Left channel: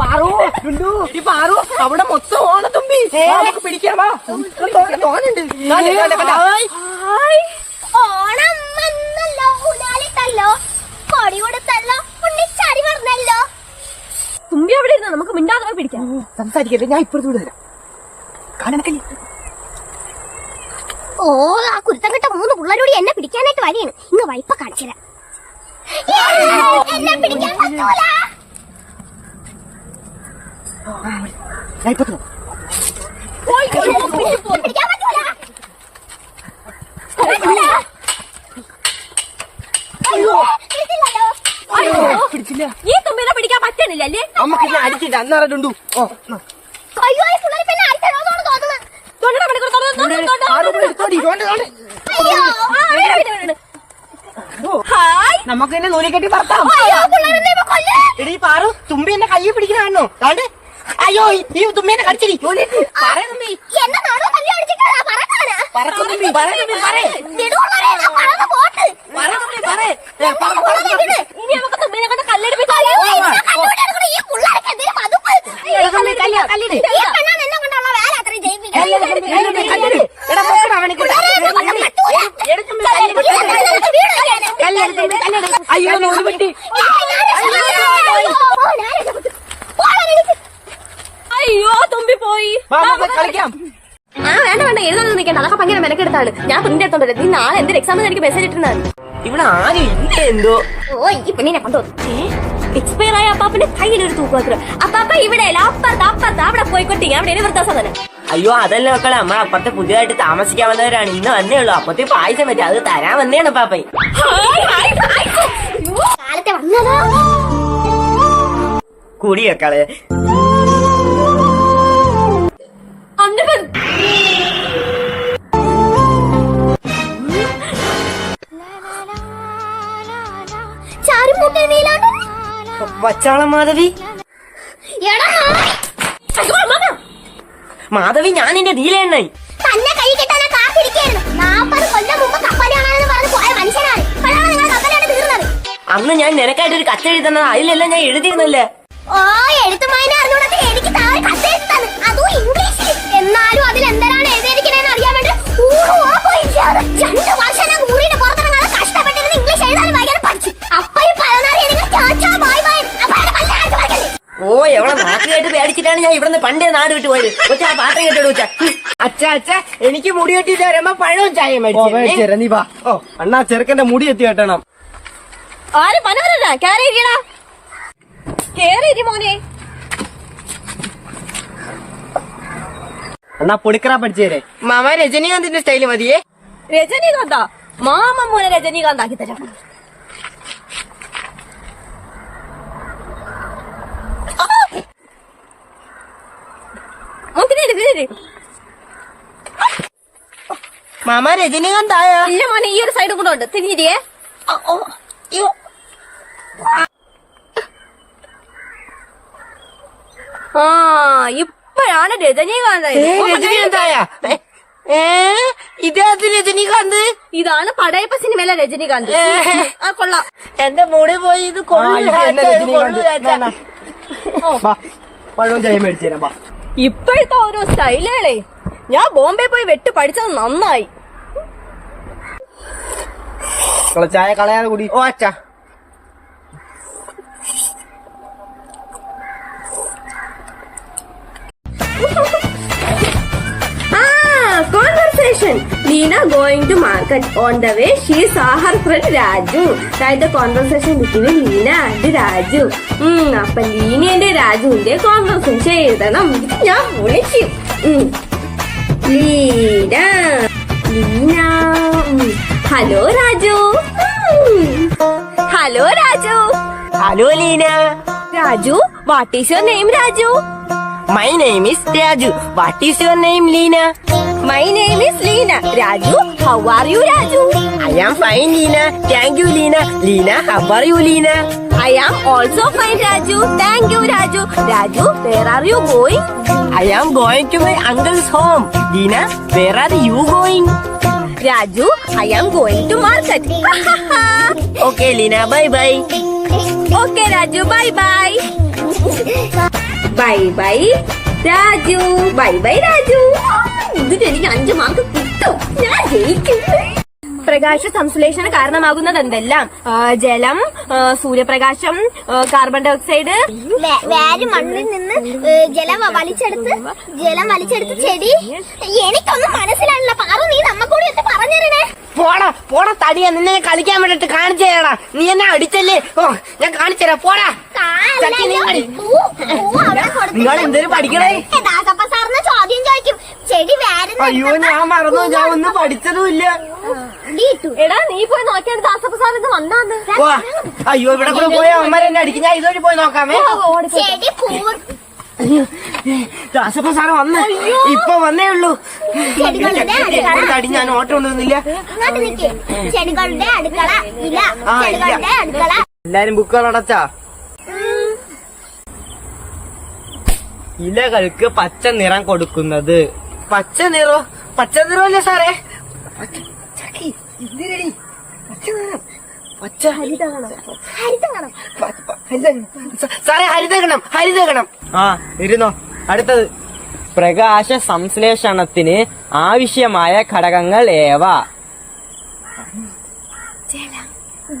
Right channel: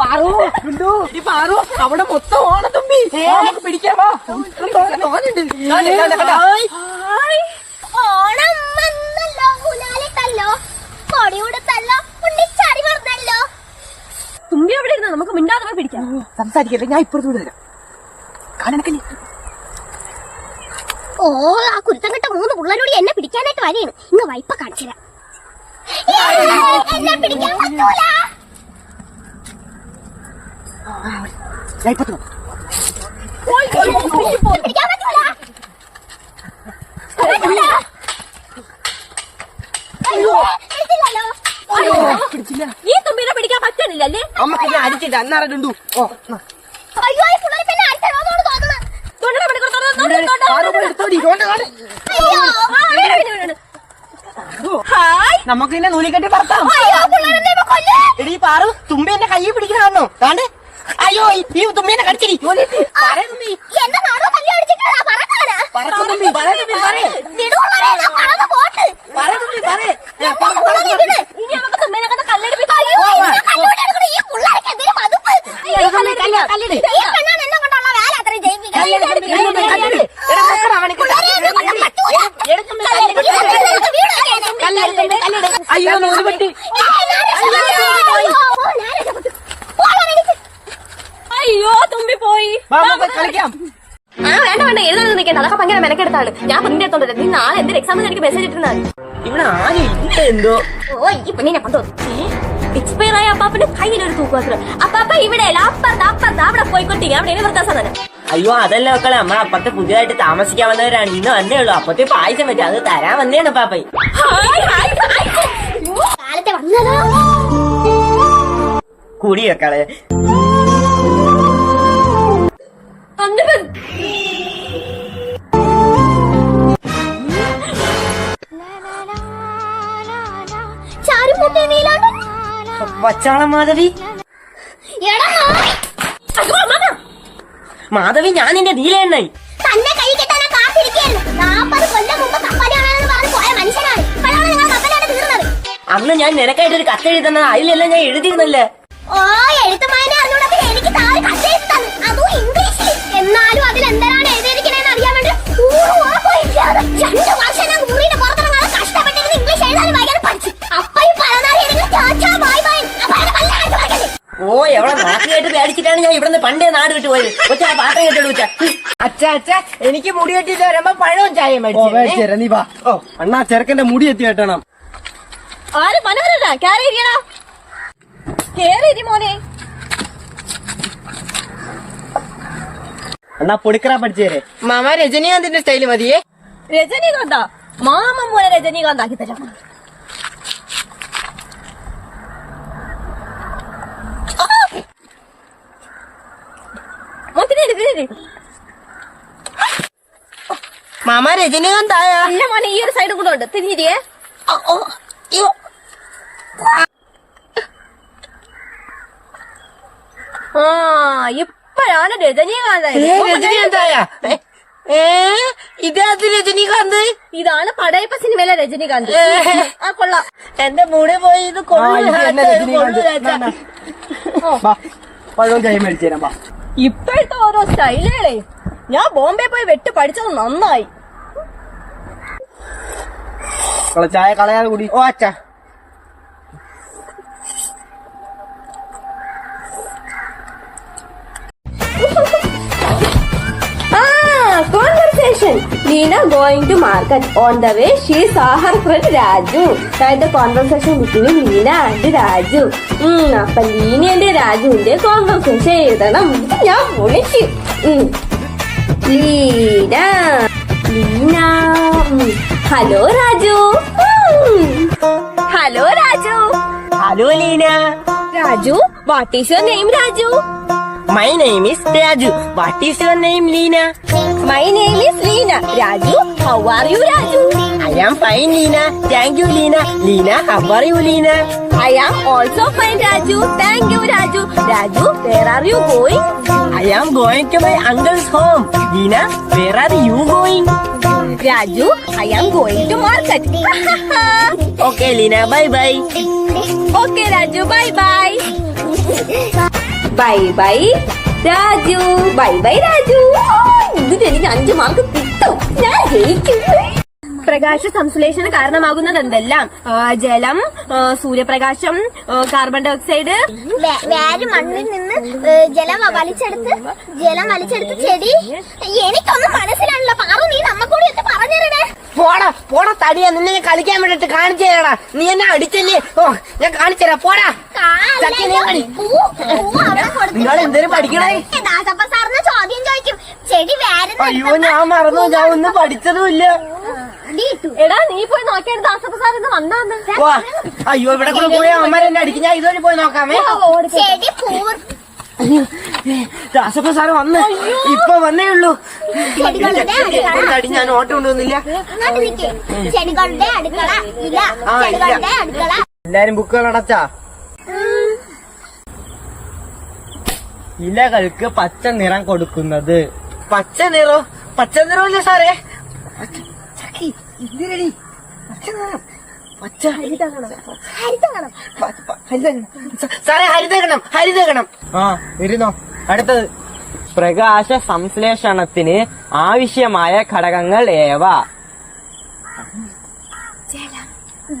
പാറു ഉണ്ടു ഈ പാറു അവിടെ മൊത്തം ഓണത്തുമ്പി നമുക്ക് പിടിക്കാമോ തോന്നുന്നുണ്ട്. ഓണം വന്നല്ലോ, ഉലാലിട്ടല്ലോ, കൊടി കൊടുത്തല്ലോ, ഉണ്ണിച്ചാടി പറഞ്ഞല്ലോ. തുമ്പി അവിടെ ഇരുന്നോ, നമുക്ക് മിണ്ടാതെ പിടിക്കാം. സംസാരിക്കല്ലേ, ഞാൻ ഇപ്പുറത്തൂടെ തരാം. കാണണക്കല്ലേ. ഓ, ആ കുരുത്തം കിട്ട 3 പിള്ളേരോട് എന്നെ പിടിക്കാനായിട്ട് വരെയാണ്. ഇന്ന് വൈപ്പ കാണിച്ചില്ല. എന്നെ പിടിക്കാൻ പറ്റൂല. ഞാൻ ഇപ്പുറത്ത് പിടിക്കാൻ പറ്റൂല. പിടിച്ചില്ല. ഈ തുമ്പിനെ പിടിക്കാൻ പറ്റുന്നില്ലല്ലേ? അമ്മക്ക് ഞാൻ അരിച്ചിട്ട് അന്നറിഞ്ഞുണ്ടു. അയ്യോ, ഈ പിള്ളേർ പിന്നെ അടിച്ചോന്നാണ് തോന്നുന്നത്. നമുക്ക് തന്നെ നൂലിക്കെട്ടി പറത്താം. എടീ പാറു, തുമ്പി എന്നെ കയ്യിൽ പിടിക്കണോ? താണ്ട് അയ്യോ, ഈ തുമ്പിനെ കടിച്ചിരി. അയ്യോ നൂല് പറ്റി. അയ്യോ തുമ്പി പോയി. കളിക്കാം. വേണ്ട വേണ്ട, എഴുതാൻ നിൽക്കണ്ട, അതൊക്കെ ഭയങ്കര മെനക്കെടുത്താണ്. ഞാൻ തുമ്പി എടുത്തോണ്ട് നീ നാളെ എന്തൊരു എക്സാമിന് എനിക്ക് മെസ്സേജ് ഇട്ടിരുന്നാണ്. ഇവിടെ ആകെ എന്തോ. ഓ, ഈ പെണ്ണിനെ കൊണ്ടു എക്സ്പയർ ആയ അപ്പാപ്പന്റെ കയ്യിലൊരു തൂക്കുവാത്ര. അപ്പാപ്പ ഇവിടെ അപ്പുറത്ത് അവിടെ പോയിക്കൊട്ടി അവിടെ ഇനി നിർത്താൻ സാധനം. അയ്യോ അതല്ല മക്കളെ, അമ്മ അപ്പുറത്തെ പുതിയതായിട്ട് താമസിക്കാൻ വന്നവരാണ്. ഇന്ന് വന്നേ ഉള്ളൂ. അപ്പത്തെ പായസം പറ്റും, അത് തരാൻ വന്നേണ് പാപ്പ. കാലത്തെ വന്നതോ കൂടി മക്കള്. വച്ചാളം മാധവി. മാധവി, ഞാൻ നിന്റെ നീലയെണ്ണായി. തന്നെ കൈ കിട്ടാൻ കാത്തിരിക്കുകയായിരുന്നു. 40 കൊല്ലം മുമ്പ് കപ്പലാണെന്ന് പറഞ്ഞ് പോയ മനുഷ്യനാണ്. ഇപ്പോഴാണ് നിങ്ങൾ കപ്പലാണ് തീർന്നത്. അന്ന് ഞാൻ നിനക്കായിട്ടൊരു കത്തെഴുതുന്നത്, അതിലെല്ലാം ഞാൻ എഴുതിയിരുന്നല്ലേ. ഓ, എഴുത്തുമായനെ അറിഞ്ഞൂടാ എനിക്ക് താഴെ കത്തെഴുത്താണ്, അതും ഇംഗ്ലീഷിൽ. എന്നാലും അതിലെന്താണ് എഴുതിയിരിക്കണേന്ന് അറിയാൻ വേണ്ടി 2 വർഷം ഞാൻ ഊരിന്റെ പുറത്തിറങ്ങാതെ കഷ്ടപ്പെട്ടിരുന്ന് ഇംഗ്ലീഷ് എഴുതാനും വായിക്കാനും പഠിച്ചു. അപ്പൊ ഈ ഓ, എവിടെ നാട്ടിലായിട്ട് പേടിച്ചിട്ടാണ് ഞാൻ ഇവിടുന്ന് പണ്ടേ നാട് വിട്ടു പോയത്. കൊച്ചാ പാത്രം കേട്ടോളൂ കൊച്ചാ. അച്ഛാ എനിക്ക് മുടി കെട്ടിട്ട് വരുമ്പോ പഴവും ചായ മേടിച്ചു. നീ വാ. ഓ അണ്ണാ, ചെറുക്കന്റെ മുടി എത്തി കെട്ടണം. ആരും മനോരല്ല കേറി മോനെ. അണ്ണാ പൊടിക്കറ പഠിച്ചേരെ. മാമ രജനീകാന്തിന്റെ സ്റ്റൈല് മതിയേ. രജനീകാന്താ? മാമ മോനെ രജനീകാന്ത് ആക്കി തരാം. മാമ രജനീകാന്തായ? ഇല്ല മോനെ, ഈ ഒരു സൈഡ് കൂടെ ഉണ്ട്. തിരിഞ്ഞിരിക്കേ. ആ, ഇപ്പോഴാണ് രജനീകാന്ത്. രജനീകാന്തായ? ഇതത് രജനീകാന്ത്? ഇതാണ് പടയപ്പ സിനിമയിലെ രജനീകാന്ത്. ആ കൊള്ളാം. എന്റെ മുടി പോയി. ഇത് പഴവും ചായ മേടിച്ചു തരാം. ഇപ്പോഴത്തെ ഓരോ സ്റ്റൈലുകളെ ഞാൻ ബോംബെ പോയി വെട്ട് പഠിച്ചത് നന്നായി. ചായ കളയാതെ കൂടി. ഓ അച്ഛാ, conversation. Leena going to market. On the way, she saw her friend Raju. Write the conversation between Leena and Raju. അപ്പൊ ലീനയുടെ രാജുവിന്റെ കോൺവെർസേഷൻ എഴുതണം. ഞാൻ വിളിച്ചു. Leena. Hello Raju. Hello Raju. Hello Leena. Raju, what is your name Raju? My name is Raju. What is your name, Leena? My name is Leena. Raju, how are you, Raju? I am fine, Leena. Thank you, Leena. Leena, how are you, Leena? I am also fine, Raju. Thank you, Raju. Raju, where are you going? I am going to my uncle's home. Leena, where are you going? Raju, I am going to market. Okay Leena, bye bye. Okay Raju, bye bye. Bye bye Raju, bye bye Raju. ഇതിന് എനിക്ക് 5 mark കിട്ടും, ഞാൻ ജയിക്കും. പ്രകാശ സംശ്ലേഷണ കാരണമാകുന്നത് എന്തെല്ലാം? ജലം, സൂര്യപ്രകാശം, കാർബൺ ഡൈ ഓക്സൈഡ്. വേര് മണ്ണിൽ നിന്ന് ജലം വലിച്ചെടുത്ത് ചെടി. എനിക്കൊന്നും മനസ്സിലാണല്ലോ. പാറു, നീ നമ്മക്കൂടി ഒന്ന് പറഞ്ഞിരണേ. പോടാ തടിയാ, നിന്നെ കളിക്കാൻ വേണ്ടിട്ട് കാണിച്ചു തരാടാ. നീ എന്നെ അടിച്ചല്ലേ? ഓ, ഞാൻ കാണിച്ചു തരാം. പോടാ. നിങ്ങൾ എന്തേലും പഠിക്കണേ? ദാസപ്പ സാറിന് ചോദ്യം ചോദിക്കും. ചെടി വേര്. അയ്യോ, ഞാൻ മറന്നു. ഞാൻ ഒന്നും പഠിച്ചതുമില്ല. എടാ, നീ പോയി നോക്കിയാൽ ദാസപ്പ സാർ ഇത് വന്നാന്ന്. അയ്യോ, ഇവിടെ കൂടെ പോയി അമ്മ എന്നെ അടിക്കും. ഞാൻ ഇതുവരെ പോയി നോക്കാമേ. ചെടി രാസപ്പ സാറ് വന്ന് ഇപ്പൊ വന്നേ ഉള്ളൂ. ചെടികളുടെ അടി ഞാൻ ഓട്ടം കൊണ്ടുവന്നില്ല. ചെടികളുടെ അടുക്കള ഇല. ചെടികളുടെ അടുക്കള. എല്ലാരും ബുക്കുകൾ അടച്ചാ? ഇലകൾക്ക് പച്ച നിറം കൊടുക്കുന്നത്. പച്ച നിറമല്ലേ സാറേ? എന്തിനടി പച്ച നിറം? പച്ച ഹരിതഗണം. സാറേ, ഹരിതഗണം. ആ, ഇരുന്നോ. അടുത്തത്, പ്രകാശ സംശ്ലേഷണത്തിന് ആവശ്യമായ ഘടകങ്ങൾ ഏവ?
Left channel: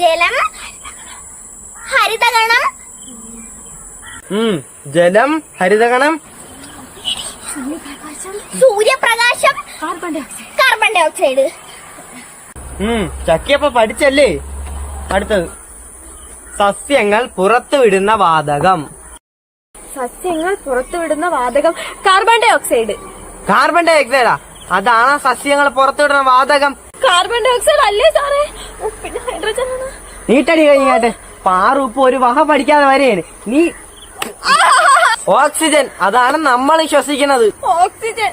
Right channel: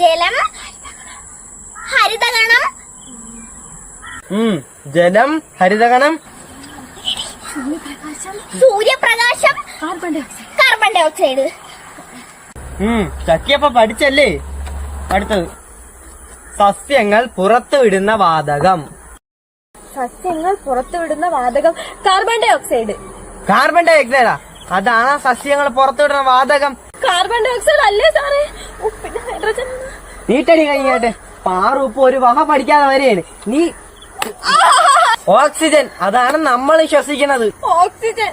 ജലം, ഹരിതഗണം. ജലം, ഹരിതഗണം, സൂര്യപ്രകാശം, കാർബൺ ഡൈ ഓക്സൈഡ്. ചക്കിയപ്പ പഠിച്ചല്ലേ? അടുത്തത്, സസ്യങ്ങൾ പുറത്തുവിടുന്ന വാതകം. സസ്യങ്ങൾ പുറത്തുവിടുന്ന വാതകം കാർബൺ ഡൈ ഓക്സൈഡ്. കാർബൺ ഡൈ ഓക്സൈഡാ? അതാണ് സസ്യങ്ങൾ പുറത്തുവിടുന്ന വാതകം. കാർബൺ ഡൈ ഓക്സൈഡ് അല്ലേ സാറേ? പിന്നെ ഹൈഡ്രജൻ. നീട്ടടി കഴിഞ്ഞാട്ട്. പാറു ഇപ്പൊ ഒരു വഹ പഠിക്കാതെ വരെയാണ് നീ. ഓക്സിജൻ, അതാണ് നമ്മൾ ശ്വസിക്കുന്നത്. ഓക്സിജൻ.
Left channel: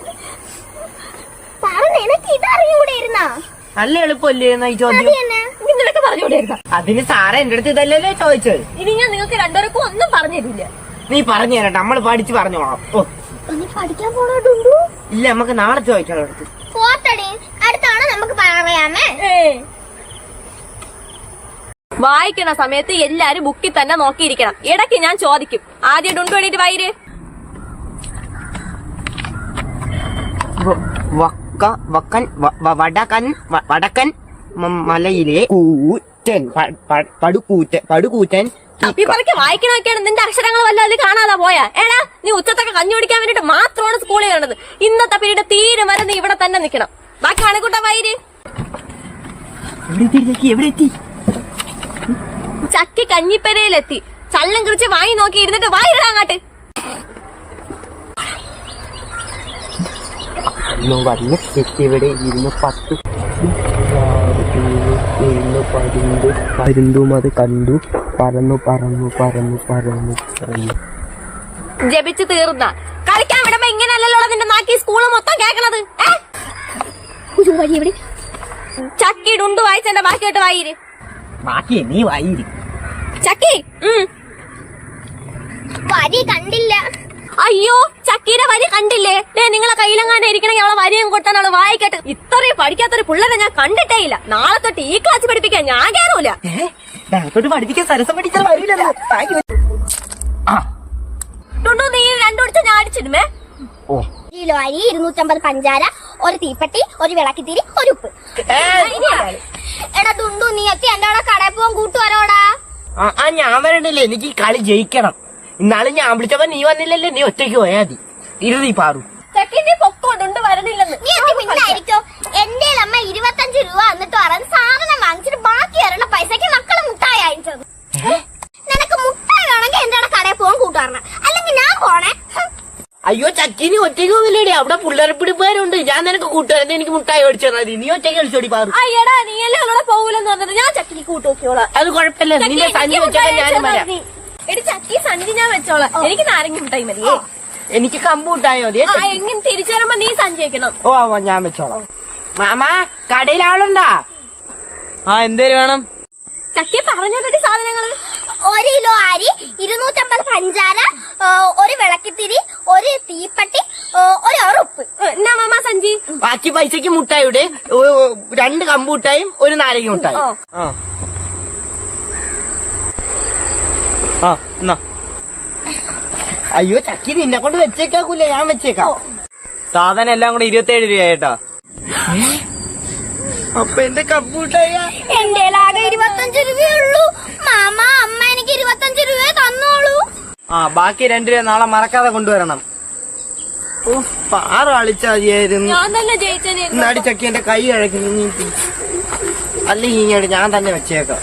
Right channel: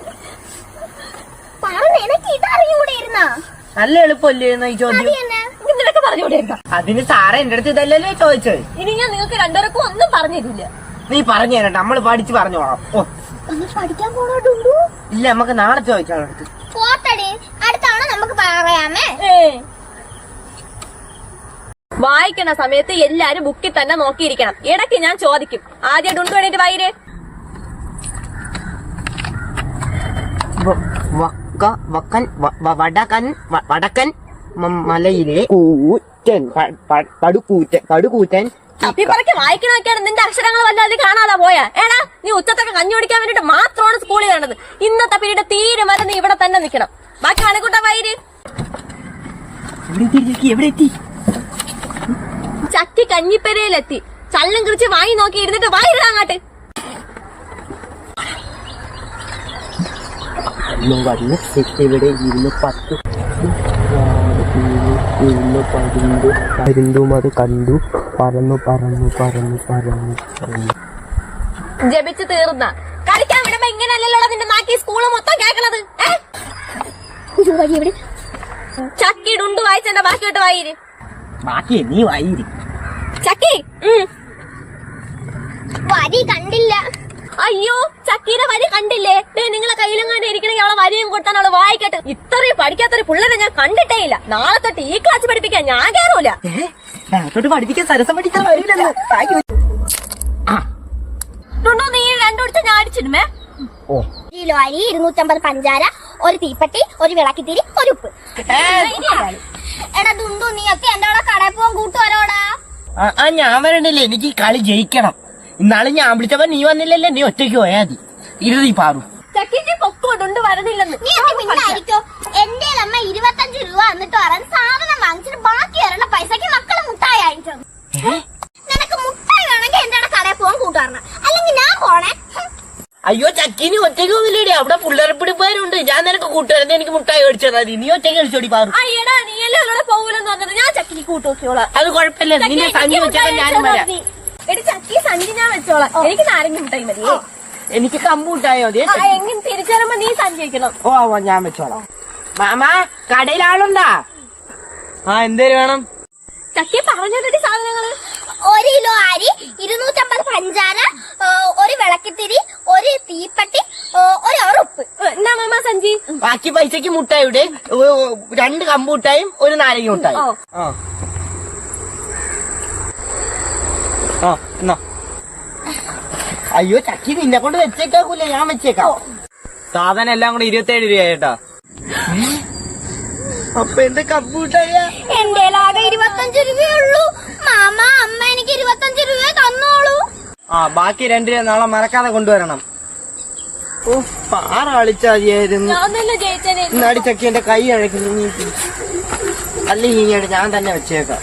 നിനക്ക് ഇതറിയൂടെയിരുന്ന? നല്ല എളുപ്പമല്ലേ ഈ ചോദ്യം? നിനക്ക് പറഞ്ഞുകൂടെയിരുന്ന? അതിന് സാറേ എന്റെ അടുത്ത് ഇതല്ലല്ലേ ചോദിച്ചത്. ഇനി ഞാൻ നിങ്ങൾക്ക് രണ്ടുപേർക്കും ഒന്നും പറഞ്ഞു തരില്ല. നീ പറഞ്ഞു തരട്ടെ, നമ്മൾ പഠിച്ചു പറഞ്ഞോളാം. ഓ, പഠിക്കാൻ പോണോട്ടുണ്ടു? ഇല്ല, നമുക്ക് നാളെ ചോദിക്കാം അടുത്ത്. പോത്തടി, അടുത്താണ് നമുക്ക് പറയാമേ. വായിക്കണ സമയത്ത് എല്ലാരും ബുക്കിൽ തന്നെ നോക്കിയിരിക്കണം. ഇടയ്ക്ക് ഞാൻ ചോദിക്കും. ആദ്യം ഡുണ്ടു വേണ്ടിട്ട് വായിര്. വടക്കൻ മലയിലെ പടുകൂറ്റൻ തപ്പിപ്പറക്കെ വായിക്കണൊക്കെയാണ്. നിന്റെ അക്ഷരങ്ങൾ വല്ലതും കാണാതെ പോയാ? എടാ, നീ ഉച്ചത്തൊക്കെ കഞ്ഞി കുടിക്കാൻ വേണ്ടിട്ട് മാത്രമാണ് സ്കൂളിൽ കാണുന്നത്. ഇന്നത്തെ പീരീഡ് തീരെ വരെ നീ ഇവിടെ തന്നെ നിൽക്കണം. ബാക്കി കണക്കൂട്ട വായിര്. എവിടെ എത്തി? ചക്കി കഞ്ഞിപ്പരയിലെത്തി. ചള്ളം കുറിച്ച് വാങ്ങി നോക്കി ഇരുന്നിട്ട് വായിടാ അങ്ങാട്ട്. ഇവിടെ 10 പരുന്തും അത് കണ്ടു. പറന്നു. ജപിച്ചു തീർന്ന കളിക്കാൻ വിടുമ്പോ ഇങ്ങനെയല്ലല്ലോ നിന്റെ നാക്കി സ്കൂള് മൊത്തം കേക്കണത്. ചക്കി ഡുണ്ടു വായിച്ചെന്റെ ബാക്കിയോട്ട് വായിര്. ബാക്കി നീ വായിരി. ചക്കി വരി കണ്ടില്ല. അയ്യോ, ചക്കീടെ വരി കണ്ടില്ലേ? നിങ്ങളെ കയ്യിലെങ്ങാണ്ട് ഇരിക്കണമെങ്കിൽ അവളെ വരിയും കൊടുത്താൽ അവള് വായിക്കട്ടെ. ഇത്രയും പഠിക്കാത്തൊരു പിള്ളേരെ ഞാൻ കണ്ടിട്ടേ ഇല്ല. നാളെ തൊട്ട് ഈ ക്ലാസ് പഠിപ്പിക്കാൻ ഞാൻ കയറൂല. പഠിപ്പിക്കാൻ സരസം പഠിക്കാൻ വരില്ലല്ലോ. ഡുണ്ടു, നീ രണ്ടുപിടിച്ച ഞാൻ അടിച്ചിടുമേ. കിലോ അരി, 250 പഞ്ചാര, ഒരു തീപ്പെട്ടി, ഒരു വിളക്കിത്തിരി, ഒരു ഉപ്പ്. എടാ ഡുണ്ടു, നീയൊക്കെ എന്റെ അവിടെ കടയിൽ പോകാൻ കൂട്ടുവരോടാ. ഞാൻ വരണ്ടല്ലേ, എനിക്ക് ഈ കളി ജയിക്കണം. ഇന്നാള് ഞാൻ വിളിച്ചപ്പോ നീ വന്നില്ലല്ലേ, നീ ഒറ്റയ്ക്ക് പോയാ മതി. ഇരുതി പാറു. ചെക്കിന്റെ പൊക്കോട്ടുണ്ട് വരണില്ലെന്ന്. നീ പിന്നായിരിക്കും. എന്റെ അമ്മ 25 രൂപ എന്നിട്ട് പറയാൻ സാധനം വാങ്ങിച്ചിട്ട് ബാക്കി വരണ പൈസക്ക് മക്കള് മുട്ടായി അയച്ചത്. നിനക്ക് മുട്ടായി വേണമെങ്കിൽ എന്റെ അവിടെ കടയിൽ പോകാൻ കൂട്ടുവരണം, അല്ലെങ്കിൽ ഞാൻ പോണേ. അയ്യോ, ചക്കിനി ഒറ്റയ്ക്ക് ഒന്നില്ലേടി, അവിടെ പിള്ളേരെ പിടിപ്പേരുണ്ട്. ഞാൻ നിനക്ക് കൂട്ടുകാരൻ, എനിക്ക് മുട്ടായി മേടിച്ചാൽ മതി. നീ ഒറ്റയ്ക്ക് കളിച്ചോടി പാറു. അയ്യടാ, നീ എല്ലാം അവിടെ പോകൂലെന്ന് പറഞ്ഞത്. ഞാൻ ചക്കിക്ക് കൂട്ടുനോക്കിയോളാം. അത് കുഴപ്പമില്ല, നിന്റെ സഞ്ചി വെച്ചാൽ ഞാനും വരാം. എടി ചക്കി സഞ്ചി ഞാൻ വെച്ചോളാം. എനിക്ക് നാരങ്ങ മുട്ടായി മതി. എനിക്ക് കമ്പ് മുട്ടായി മതി. എങ്ങനെ തിരിച്ചു വരുമ്പോ നീ സഞ്ചി വെക്കണം. ഓ, ഞാൻ വെച്ചോളാം. മാമാ, കടയിൽ ആളുണ്ടാ? എന്തേലും വേണം? ചക്കി പറഞ്ഞോട്ടെ സാധനങ്ങള്. 1 കിലോ അരി, 250 പഞ്ചാര, ഒരു വിളക്കിത്തിരി, ഒരു തീപ്പെട്ടി, ഒരു ഉപ്പ്. എന്നാ മാമ സഞ്ചി? ബാക്കി പൈസക്ക് മുട്ടായിയുടെ 2 കമ്പ് മുട്ടായും 1 നാരങ്ങ മുട്ടായി. എന്നാ അയ്യോ ചക്കി നിന്നെ കൊണ്ട് വെച്ചേക്കാക്കൂല, ഞാൻ വെച്ചേക്കാം. സാധനം എല്ലാം കൂടെ 27 രൂപ കേട്ടോ. അപ്പൊ എന്റെ കമ്പ് മുട്ടായ എന്റെ ആകെ 25 രൂപയുള്ളൂ. മാമ അമ്മ എനിക്ക് 25 രൂപ തന്നോളൂ. ബാക്കി 2 രൂപ നാളെ മറക്കാതെ കൊണ്ടുവരണം. പാറാളിച്ചാതിയായിരുന്നു. ഞാൻ തന്നെ ജയിച്ചേ. ഇന്നാടി ചക്കി എന്റെ കൈ അഴക്കുന്നു. അല്ലെങ്കിൽ ഞാൻ തന്നെ വെച്ചേക്കാം.